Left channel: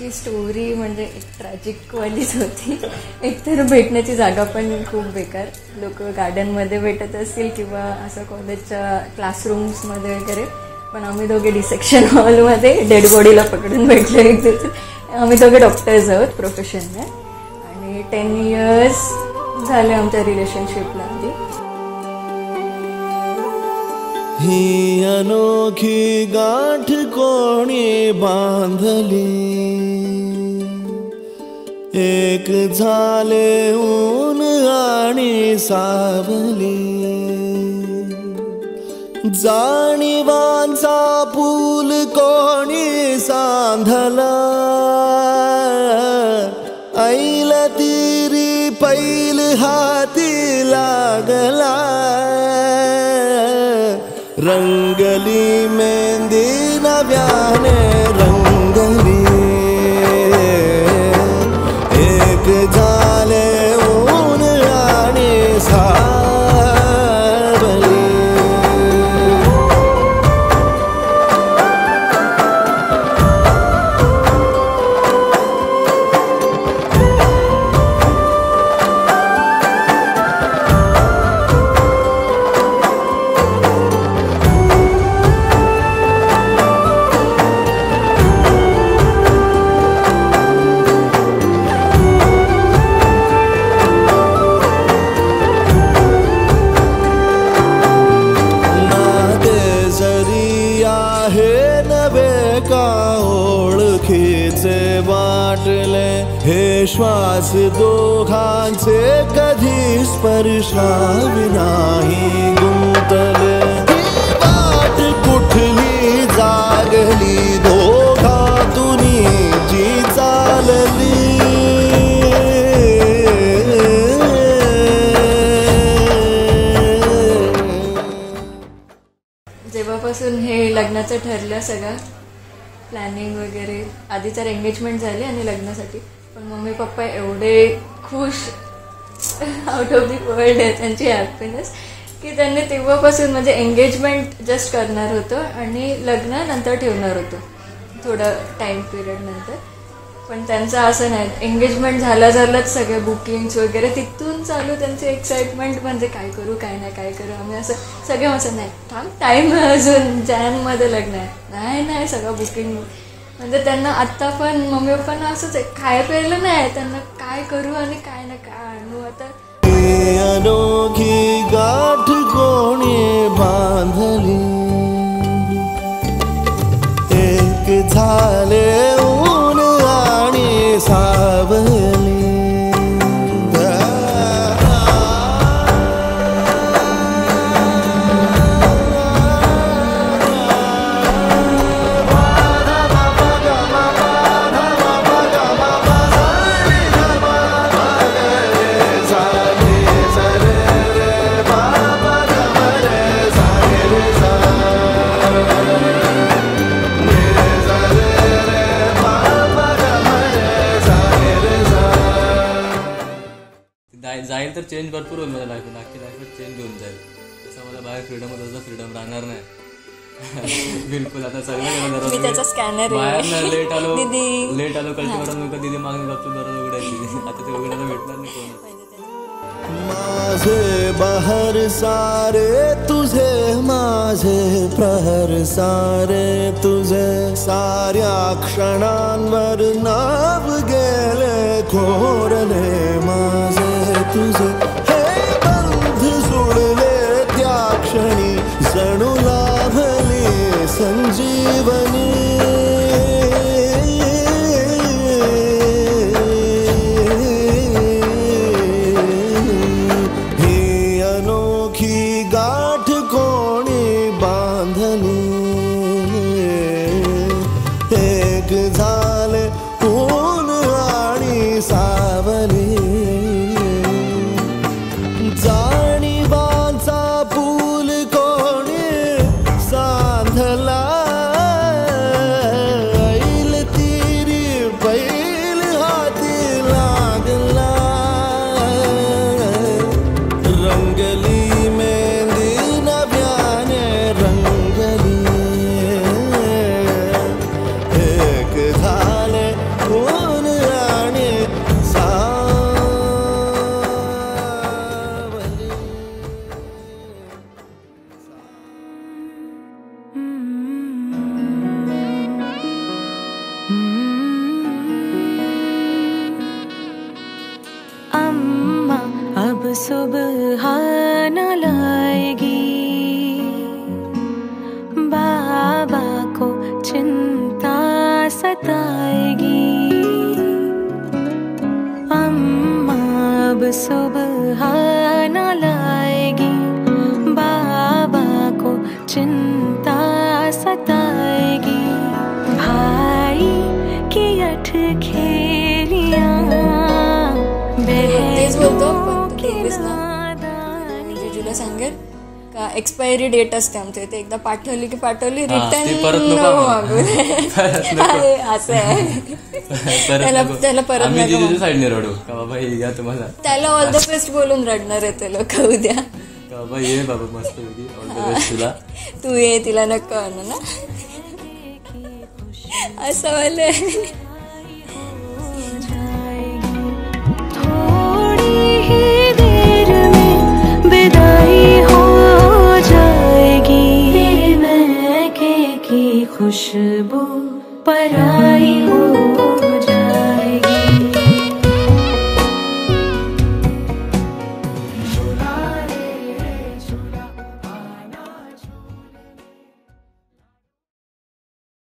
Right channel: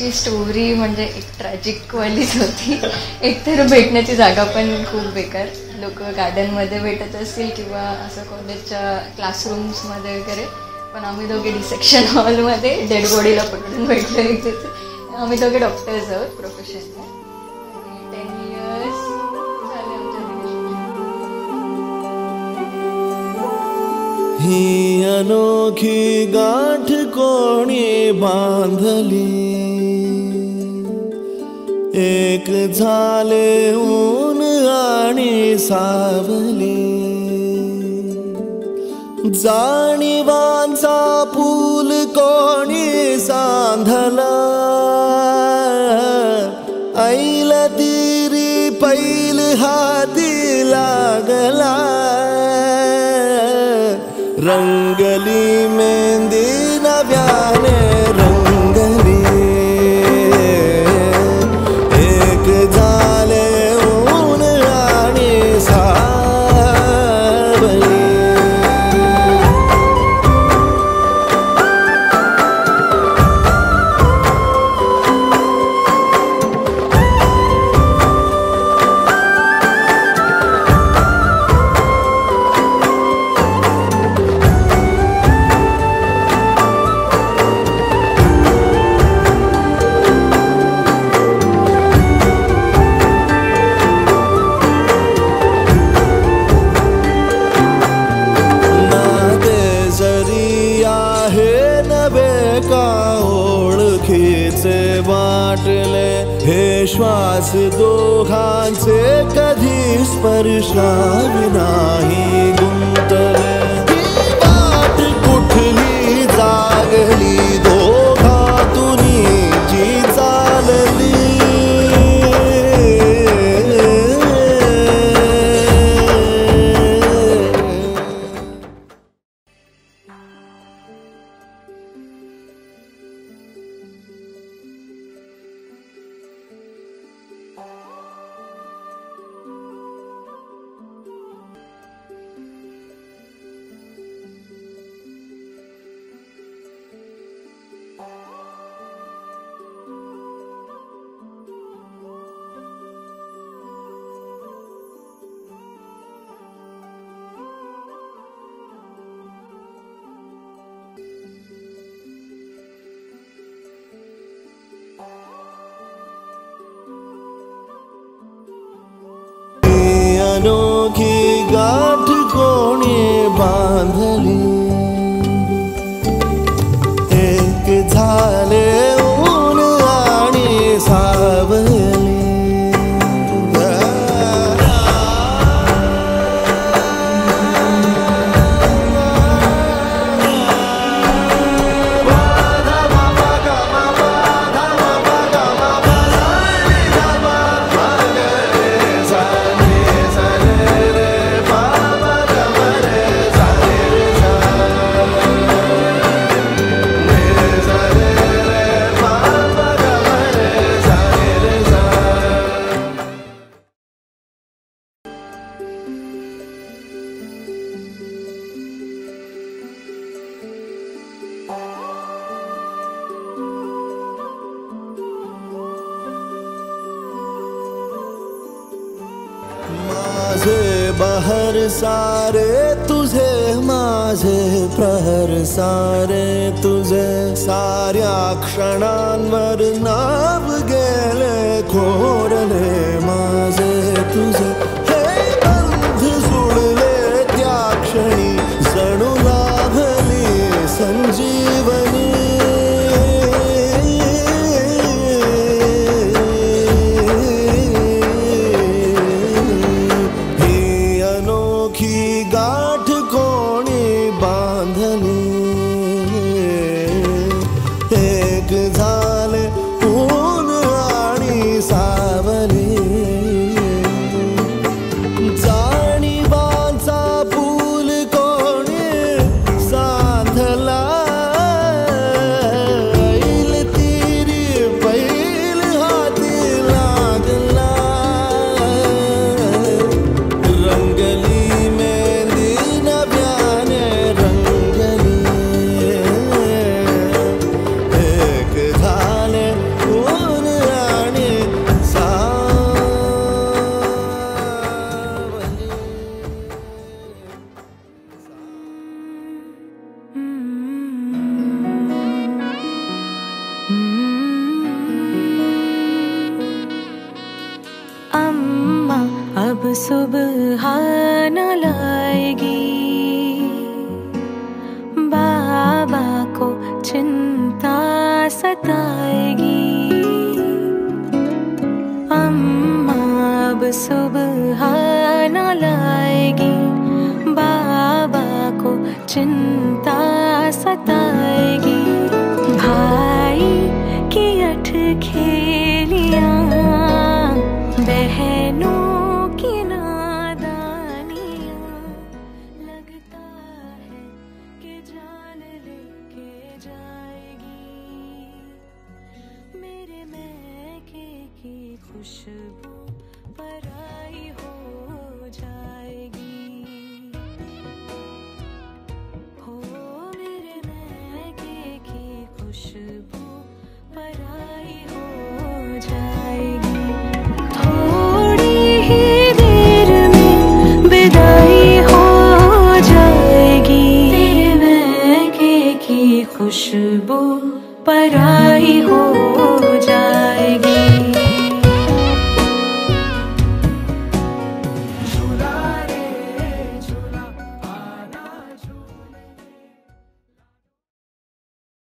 त्यांची स्टोरी म्हणजे एक ट्रॅजिकवालीच होती. एकतर भेटण्याची जागा पण खूप बेकार, लोक गार्डनमध्ये भेटत असतील किंवा असं कॉलेजच्या क्लासरूम्समध्ये वगैरे, पण आम्ही दोघे डिसेक्शन हॉलमध्ये डेड बॉडीला पकडून भेटले. आम्ही दोघे डॉक्टर्स आहोत प्रोफेशनला आणि 10 years झाले आमच्या रिलेशनशिपला. ही अनोखी गाठ कोणी बांधली, एक झाले ऊन आणि सावली, जाणीवांचा पूल कोणी सांधला, ऐल तिरी पैल हाती लागला, रंगली मेहंदी नव्याने रंगली, एक झाले ऊन आणि सावली. वाटले हे श्वास दोघांचे कधी स्पर्शावी नाही गुंतले, वाट कुठली जागली दोघातून जी चालली, जेव्हापासून हे लग्नाचं ठरलं सगळं प्लॅनिंग वगैरे, आधी तर एंगेजमेंट झाली आणि लग्नासाठी, पण मम्मी पप्पा एवढे खुश, आउट ऑफ दी वर्ल्ड आहे त्यांची हॅपीनेस, की त्यांनी तेव्हापासून म्हणजे एंगेजमेंट जस्ट करणार होतं आणि लग्न नंतर ठेवणार होतं थोडं टाईम पिरियड नंतर, पण त्यांचं असं नाही, एंगेजमेंट झाल्याच सगळे बुकिंग्स वगैरे तिथून चालू त्यांची एक्साइटमेंट, म्हणजे काय करू काय करू आम्ही असं सगळे असं नाही थांब टाईम अजून जानेमध्ये लग्न आहे, नाही सगळं बुकिंग, म्हणजे त्यांना आत्ता पण मम्मी पप्पांना असंच आहे, खाय प्यायला नाही त्यांना, काय करू आणि काय आणू आता. अनोखी गाठ कोणी बांधली, एक झाले ऊन आणि सावली, जाईल तर चेंज भरपूर होईल मला लाईफ, बाकी लाईफ चेंज होऊन जाईल, असं मला बाहेर फ्रीडम राहणार नाही बिलकुल. आता सर्व बाहेर लेट आलो कल्टिवेटर दिदी मागणी उघडायची, आता ते उघडायला भेटणार नाही. माझे बहर सारे तुझे, माझे प्रहर सारे तुझे, साऱ्या क्षणांवर नाव गेले खोरले माझे तुझे, हे बंध जुळले त्या क्षणी जणू लाभली संजीवनी, ही अनोखी गाठ कोणी बांधली, एक झाले ऊन आणि सावली, जाणीवांचा पूल कोणी सांधला, ऐल तिरी पैल हाती लागला, रंगली मेहंदी सुबह न लाएगी, बाबा को चिंता सताएगी। अम्मा अब सुबह न लाएगी, बाबा को चिंता सताएगी। भाई की अठ खेलियां, बहनों की नादानी। तुला सांगेल का एक्सपायरी डेट असते आमच्या इथे, एकदा पाठवली की पाठवली, ती रिटर्न परत नको मागू अरे असं आहे. त्याला परत आम्ही नको जिजूच्या साईडने रडू का बाबा हे घ्या तुम्हाला, त्याला ऑल द बेस्ट बोलून रडणार आहे ते लोक उद्या. का बाबा ये बाबा मस्त होती all the best तुला. तू ये, तिला नको आणू ना असं वाले.